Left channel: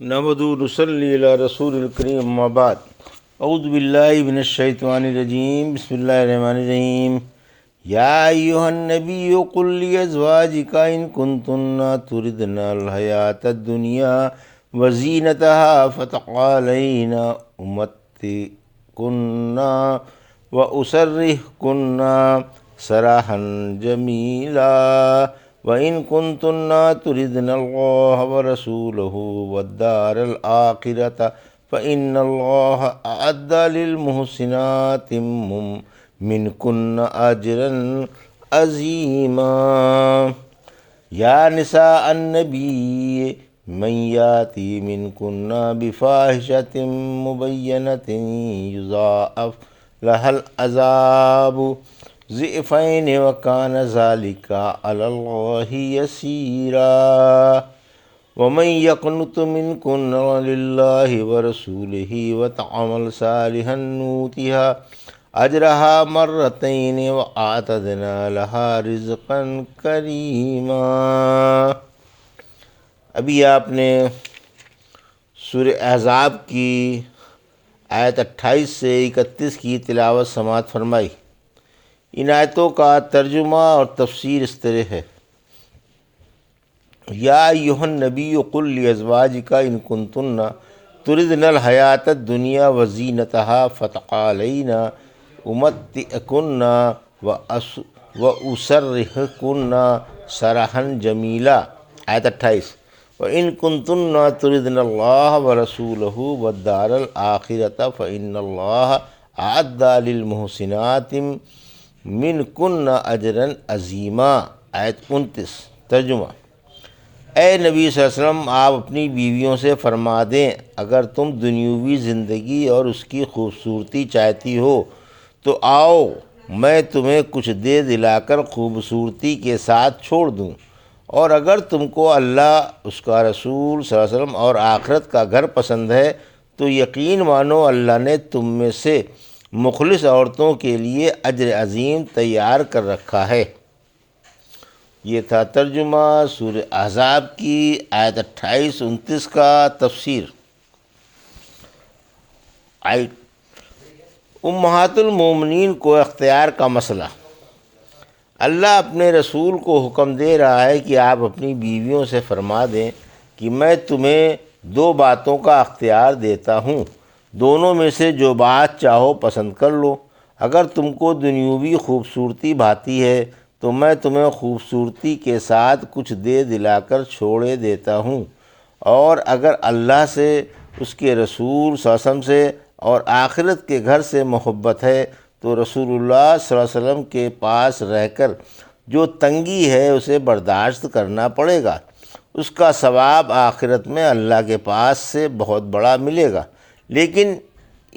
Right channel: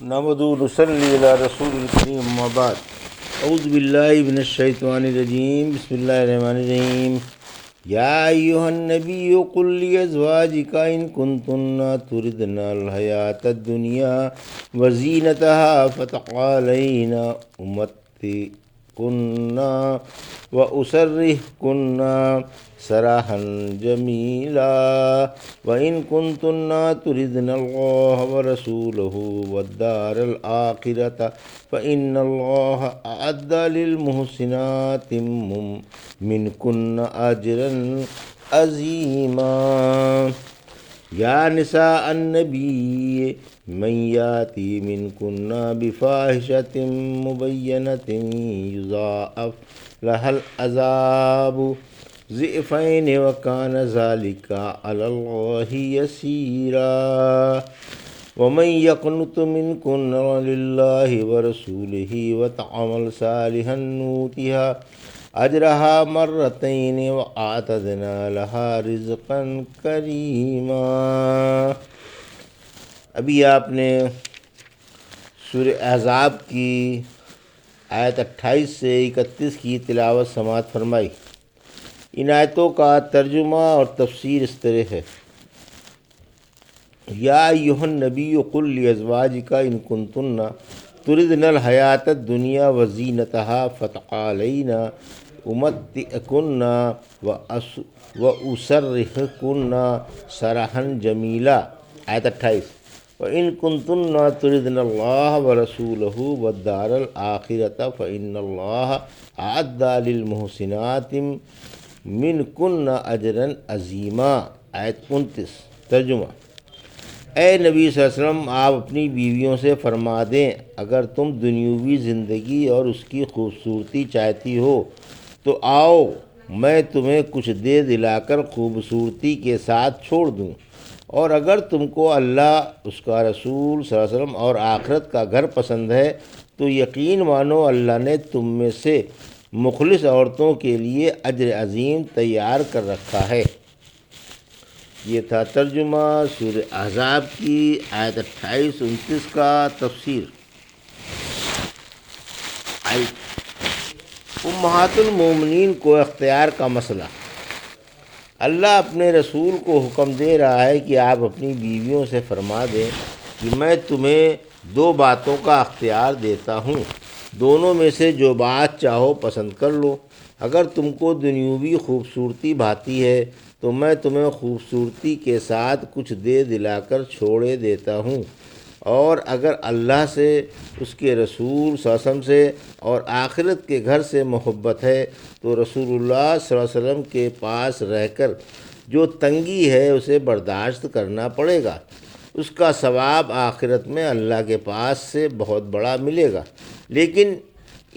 نحمد نصلی علی رسول الکریم اما بعد اعوذ باللہ من الشیطان الرجیم بسم اللہ الرحمن الرحیم یا ایہا النبی قل لازواجک ان کنتن تردن الحیاۃ الدنیا وزینتها فتعالین امتعکن واسرحکن سراحا جمیلا وَإِن كُنتُنَّ تُرِدْنَ اللَّهَ وَرَسُولَهُ وَالدَّارَ الْآخِرَةَ فَإِنَّ اللَّهَ أَعَدَّ لِلْمُحْسِنَاتِ مِنكُنَّ أَجْرًا عَظِيمًا یا نساء النبی من یاتی منکن بفاحشۃ مبینۃ یضاعف لها العذاب ضعفین وکان ذلک علی اللہ یسیرا ومن یقنط منکن للہ ورسولہ وتعمل صالحا نؤتها اجرها مرتین واعتدنا لها رزقا کریما۔ ابھی آپ نے سورہ احزاب کی آیت 28 سے 31 کی تلاوت سماعت فرمائی۔ ان آیتوں کا ترجمہ اور تفسیر اس طرح ہے: یا ایھا النبی قل لازواجک ان کنتن تردن الحیاۃ الدنیا وزینتها فتعالین امتعکن واسرحکن سراحا جمیلا۔ آیت 28: وَإِن كُنتُنَّ تُرِدْنَ اللَّهَ وَرَسُولَهُ وَالدَّارَ الْآخِرَةَ فَإِنَّ اللَّهَ أَعَدَّ لِلْمُحْسِنَاتِ مِنكُنَّ أَجْرًا عَظِيمًا۔ آیت 29۔ ترجمہ: اے نبی صلی اللہ علیہ وسلم، آپ اپنی بیویوں سے فرما دیں اگر تم دنیاوی زندگی اور اس کی خوبصورتی چاہتی ہو تو آؤ میں تمہیں کچھ دے دلا کر خوبصورتی کے ساتھ چھوڑ دوں، اور اگر تم کو اللہ، اس کا رسول صلی اللہ علیہ وسلم اور آخرت کا گھر پسند ہے تو یقین مانو اللہ نے تم میں سے مخلص عورتوں کے لیے اجر عظیم تیار کر رکھا ہے۔ یہ تھا ترجمہ سورہ احزاب کی آیت 28-29 کا تفسیر۔ امہات المومنین کو اختیار کا مسئلہ۔ اللہ اپنے رسول کو حکم دے رہا ہے کہ آپ اپنی بیویوں سے فرما دیں کہ میں تمہیں دو باتوں کا اختیار دیتا ہوں، دونوں میں سے جو بات چاہو پسند کر لو۔ اگر تم کو دنیاوی خوبصورتی بھاتی ہے تو میں تمہیں خوبصورتی کے ساتھ کچھ دے دلا کر چھوڑے دیتا ہوں، اور اگر اللہ سے، اس کے رسول صلی اللہ علیہ وسلم سے اور آخرت کے گھر سے محبت ہے تو رسول اللہ صلی اللہ علیہ وسلم کے پاس رہ کر جو تنگی ہے اسے برداشت کرنا پڑے گا، اس کا ثواب آخرت میں اللہ کے پاس سے بہت بڑا ملے گا۔ لیکن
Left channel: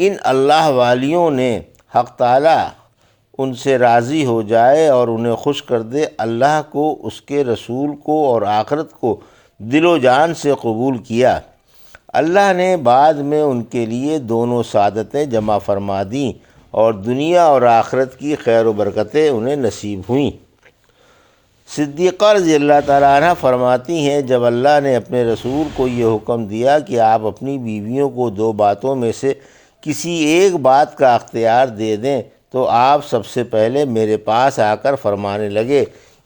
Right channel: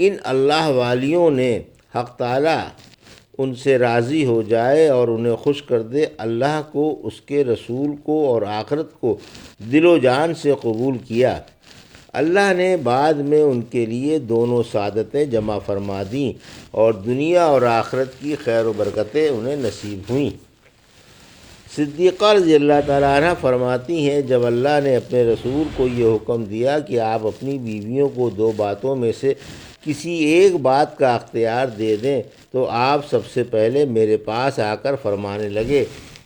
ان اللہ والیوں نے حق تعالیٰ ان سے راضی ہو جائے اور انہیں خوش کر دے، اللہ کو، اس کے رسول کو اور آخرت کو دل و جان سے قبول کیا، اللہ نے بعد میں ان کے لیے دونوں سعادتیں جمع فرما دیں اور دنیا اور آخرت کی خیر و برکتیں انہیں نصیب ہوئیں۔ صدیقہ رضی اللہ تعالیٰ عنہ فرماتی ہیں، جب اللہ نے اپنے رسول کو یہ حکم دیا کہ آپ اپنی بیویوں کو دو باتوں میں سے کسی ایک بات کا اختیار دے دیں تو آپ سب سے پہلے میرے پاس آ کر فرمانے لگے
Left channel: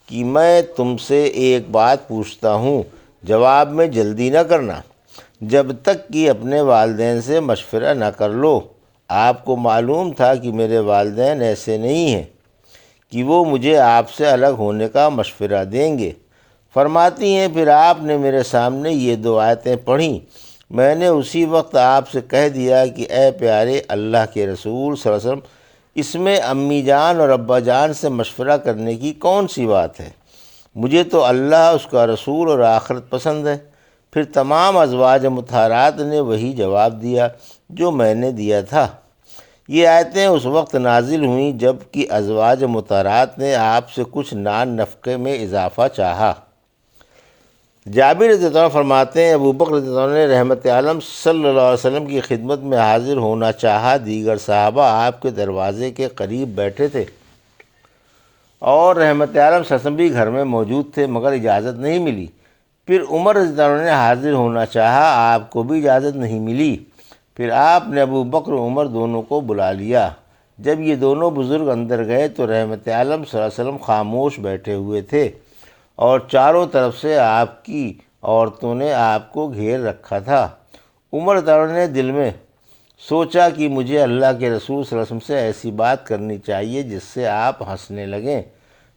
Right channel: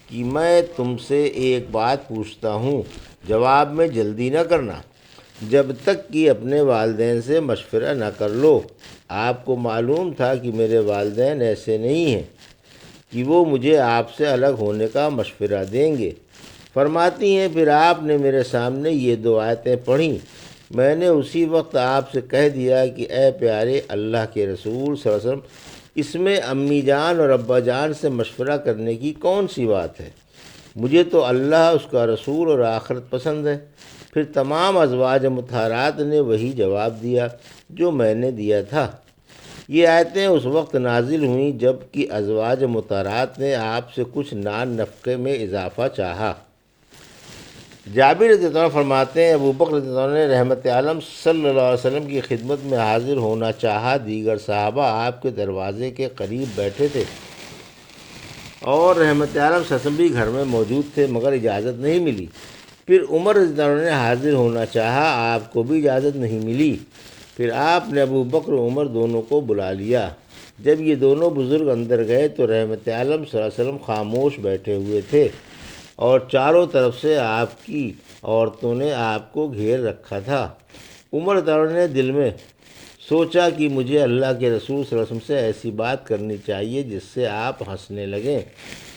کہ میں تم سے ایک بات پوچھتا ہوں، جواب میں جلدی نہ کرنا جب تک کہ اپنے والدین سے مشورہ نہ کر لو۔ آپ کو معلوم تھا کہ میرے والدین ایسے نہیں ہیں کہ وہ مجھے آپ سے الگ ہونے کا مشورہ دیں گے۔ فرماتی ہیں، پھر آپ نے میرے سامنے یہ دو آیتیں پڑھیں، میں نے اسی وقت آپ سے کہہ دیا کہ اے پیارے اللہ کے رسول صلی اللہ علیہ وسلم، اس میں امی جان اور ابا جان سے مشورہ کرنے کی کون سی بات ہے؟ مجھے تو اللہ، اس کا رسول اور آخرت پسند ہے۔ پھر تمام ازواج مطہرات نے وہی جواب دیا جو میں نے دیا تھا۔ یہ آیتیں اس وقت نازل ہوئیں جب کہ ازواج مطہرات نے آپ سے کچھ نان نفقے میں اضافہ چاہا۔ جابر رضی اللہ عنہ فرماتے ہیں، ابو بکر رضی اللہ عنہ نے رحمت عالم صلی اللہ علیہ وسلم کی خدمت میں حاضر ہونا چاہا۔ دیگر صحابہ آپ کے دروازے کے قریب بیٹھے تھے اور رحمت عالم صلی اللہ علیہ وسلم بھی گھر میں موجود تھے، مگر اجازت نہیں ملی۔ پھر عمر رضی اللہ عنہ نے حاضر ہونا چاہا، آپ کو بھی اجازت نہیں ملی۔ پھر آپ نے ابو بکر و عمر دونوں کو بلا لیا۔ جب یہ دونوں بزرگ اندر گئے تو رحمت عالم صلی اللہ علیہ وسلم خاموش بیٹھے ہوئے تھے اور چاروں طرف سے آپ کی عورتوں نے آپ کو گھیر رکھا تھا۔ عمر رضی اللہ عنہ نے دل میں سوچا کہ مجھے اللہ کے رسول صلی اللہ علیہ وسلم سے ایسی بات کرنی چاہیے جس سے آپ ہنسنے لگیں۔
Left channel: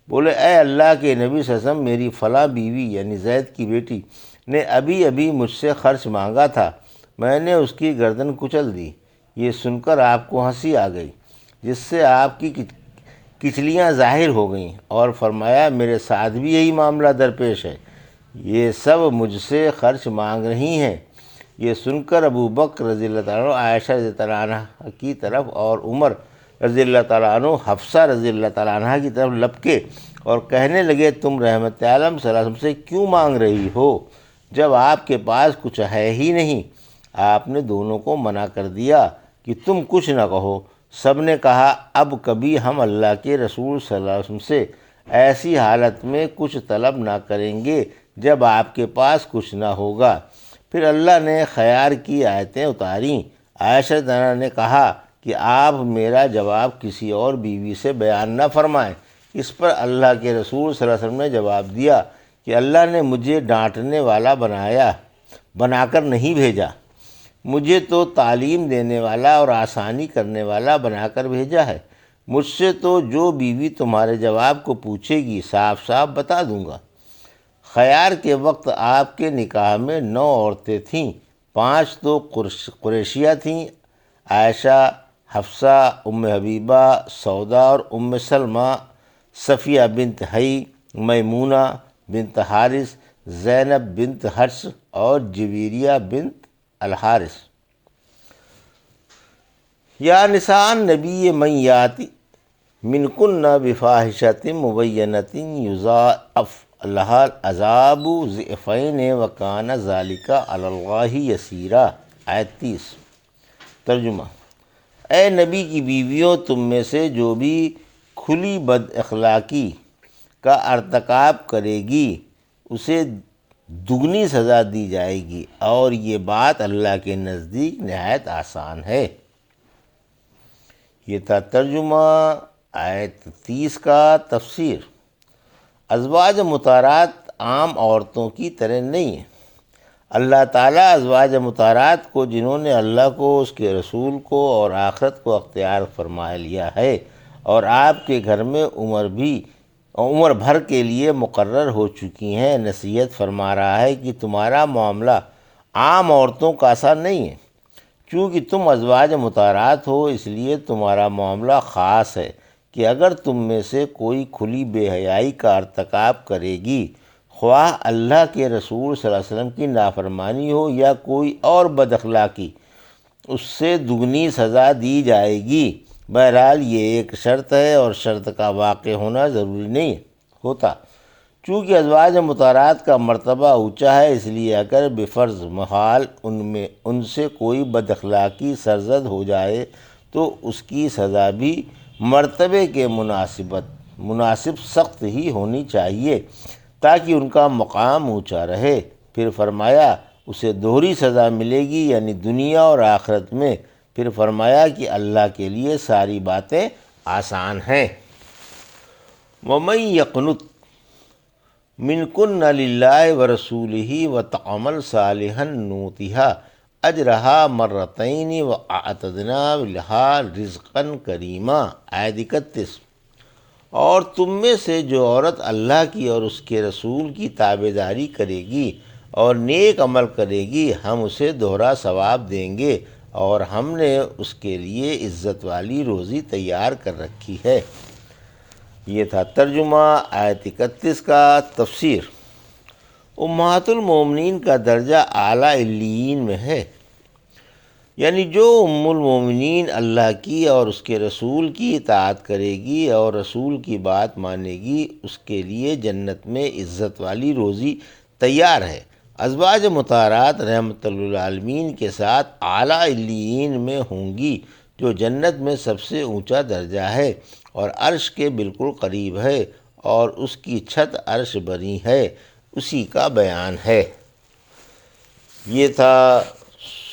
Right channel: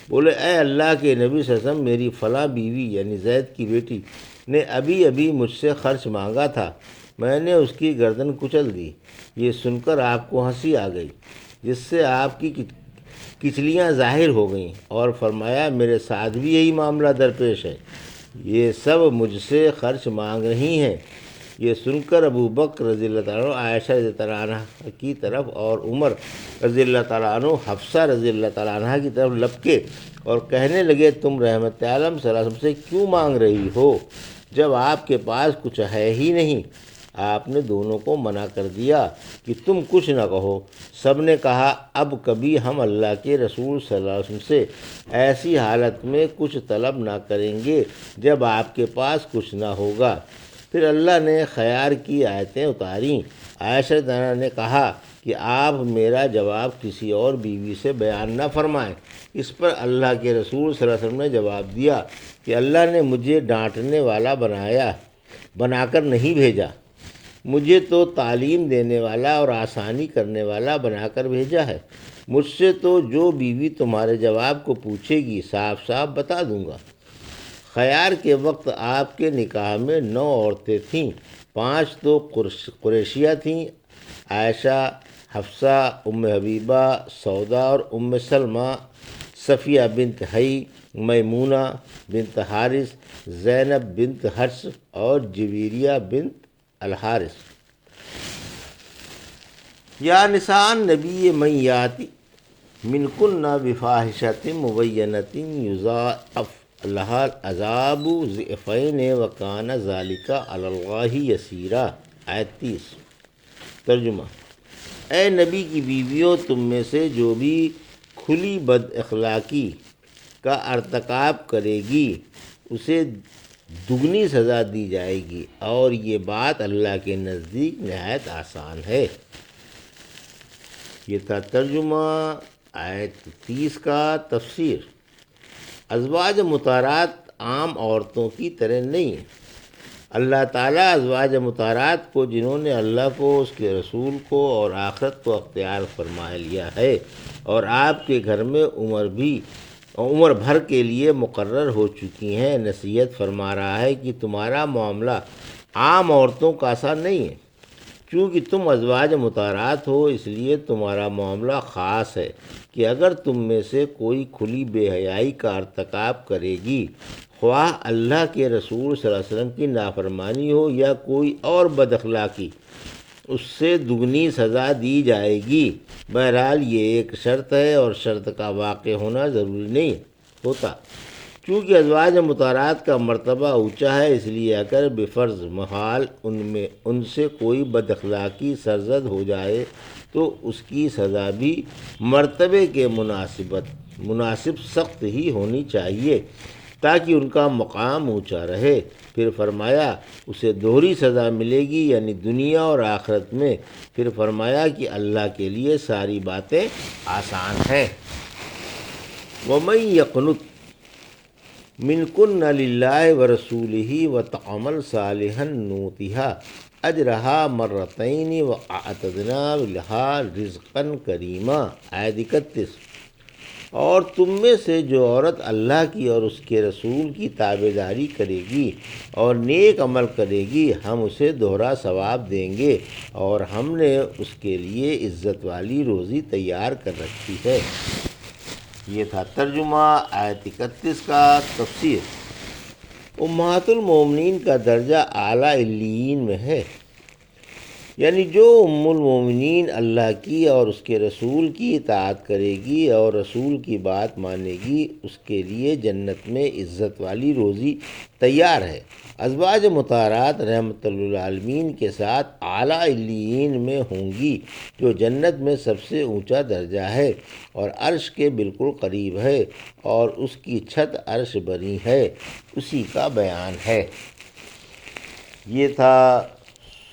بولے، اے اللہ کے نبی صلی اللہ علیہ وسلم، میری فلاں بیوی یعنی زید کی بیٹی نے ابھی ابھی مجھ سے خرچ مانگا تھا، میں نے اس کی گردن کچل دی۔ یہ سن کر آپ کو ہنسی آ گئی، جس سے آپ کی کچلیاں ظاہر ہو گئیں، اور فرمایا میرے ساتھ بھی یہی معاملہ درپیش ہے، یہ سب مجھ سے خرچ مانگ رہی ہیں۔ یہ سن کر ابو بکر رضی اللہ تعالیٰ عنہ عائشہ رضی اللہ تعالیٰ عنہ کی طرف اور عمر رضی اللہ تعالیٰ عنہ حفصہ رضی اللہ تعالیٰ عنہ کی طرف لپکے اور کہنے لگے، تم رحمت عالم صلی اللہ علیہ وسلم سے کیوں مانگ رہی ہو جب آپ کے پاس کچھ ہے ہی نہیں؟ آپ نے دونوں کو منع کر دیا کہ تم کچھ نہ کہو۔ سب نے کہا، اب کبھی ہم اللہ کے رسول صلی اللہ علیہ وسلم سے ایسی حالت میں کچھ طلب نہ کریں گے جب آپ کے پاس کچھ نہ ہوگا۔ پھر اللہ نے خیار کی آیتیں اتاریں۔ عائشہ رضی اللہ عنہا نے کہا کہ آپ میرا جواب کسی اور بیوی سے بیان نہ فرمائیں۔ اس پر اللہ کے رسول صلی اللہ علیہ وسلم نے جواب دیا کہ اللہ نے مجھے ڈانٹنے والا بنا کر نہیں بھیجا، مجھے تو تعلیم دینے والا اور آسانی کرنے والا بنا کر بھیجا ہے۔ مجھ سے تو جو بیوی تمہارے جواب کو پوچھے گی صاف صاف بتا دوں گا۔ خیار کے وقت آپ کے نکاح میں 9 عورتیں تھیں، 5 تو قریشیہ تھیں، عائشہ، حفصہ، ام حبیبہ، سودا اور ام سلمہ، صفیہ بنت حی، میمونہ بنت حارث، زینب بنت حرس اور جویریہ بنت الحارث۔ یا نساء النبی من یاتی منکن بفاحشۃ مبینۃ یضاعف لها العذاب ضعفین وکان ذلک علی اللہ یسیرا۔ آیت 30۔ ترجمہ: اے نبی کی بیویوں، تم میں سے جو بھی کھلی بد اخلاقی کا ارتکاب کرے گی اسے دگنی سزا دی جائے گی، اور یہ بات اللہ کے نزدیک نہایت آسان ہے۔ یہ تھا ترجمہ آیت 30 کا۔ تفسیر: ازواج مطہرات عام عورتوں کی طرح نہیں ہیں۔ اللہ تعالیٰ ازواج مطہرات کو، جنہوں نے اللہ کو، اس کے رسول کو اور آخرت کو اختیار فرما لیا ہے اور آپ کے گھر میں عمر بھر کے لیے مقرر ہو چکی ہیں، نصیحت فرما رہا ہے کہ تمہارا معاملہ عام عورتوں کا سا نہیں ہے۔ چونکہ تم ازواج مطہرات ہو، اس لیے تمہارا معاملہ خاص ہے کہ اگر تم میں سے کوئی کھلی بے حیائی کا ارتکاب کرے گی، خواہ اللہ کے رسول صلی اللہ علیہ وسلم کی نافرمانی ہو یا کوئی اور بد اخلاقی، اس سے دگنی سزا دی جائے گی۔ بہرحال یہ ایک شرط ہے اور شرط کا واقع ہونا ضروری نہیں ہوتا۔ چونکہ ازواج مطہرات کا مرتبہ اونچا ہے، اس لیے اگر بفرض محال ان سے کوئی بد اخلاقی سرزد ہو جائے تو اس کی سزا بھی مرتبے کے مناسب سخت ہی ہونی چاہیے تاکہ ان کا مقام اونچا رہے۔ پھر فرمایا اسے دوہری سزا ملے گی، یعنی دنیا اور آخرت میں۔ پھر فرمایا کہ اللہ کے لیے ساری باتیں آسان ہے۔ وَمَن يَقْنُتْ مِنكُنَّ لِلَّهِ وَرَسُولِهِ وَتَعْمَلْ صَالِحًا نُؤْتِهَا أَجْرَهَا مَرَّتَيْنِ وَأَعْتَدْنَا لَهَا رِزْقًا كَرِيمًا۔ آیت 31۔ اور تم میں سے جو عورت اللہ کی اور اس کے رسول کی تابعداری کرے گی اور نیک عمل کرے گی، ہم اسے دوہرا ثواب دیں گے، اور ہم نے اس کے لیے عزت والی روزی تیار کر رکھی ہے۔ یہ تھا ترجمہ آیت 31 کا۔ تفسیر: امہات المومنین کا درجہ اعلیٰ علیین میں ہے، یعنی جو ام المومنین اللہ کی اور اس کے رسول کی اطاعت کرے گی اور رسول کی بات مانے گی، اس کے لیے جنت میں عزت والی روزی تیار ہے۔ ازواج مطہرات رحمت للعالمین کے ساتھ اعلیٰ علیین میں ہوں گی، جو جنت میں سب سے اونچا درجہ ہے اور عرش کے بالکل قریب ہے، اور اس کی چھت عرش بنی ہے۔ اسی کا بیان ہے۔ یہ تھا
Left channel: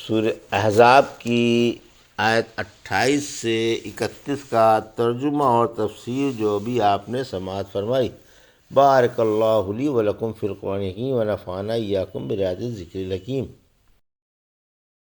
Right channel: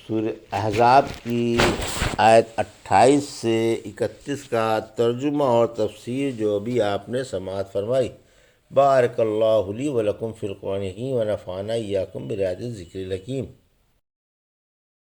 سورہ احزاب کی آیت 28 سے 31 کا ترجمہ اور تفسیر، جو ابھی آپ نے سماعت فرمائی۔ بارک اللہ لی ولکم فی القرآن الحکیم ونفعنا ایاکم بآیات الذکر الحکیم۔